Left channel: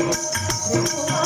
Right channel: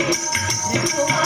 Depois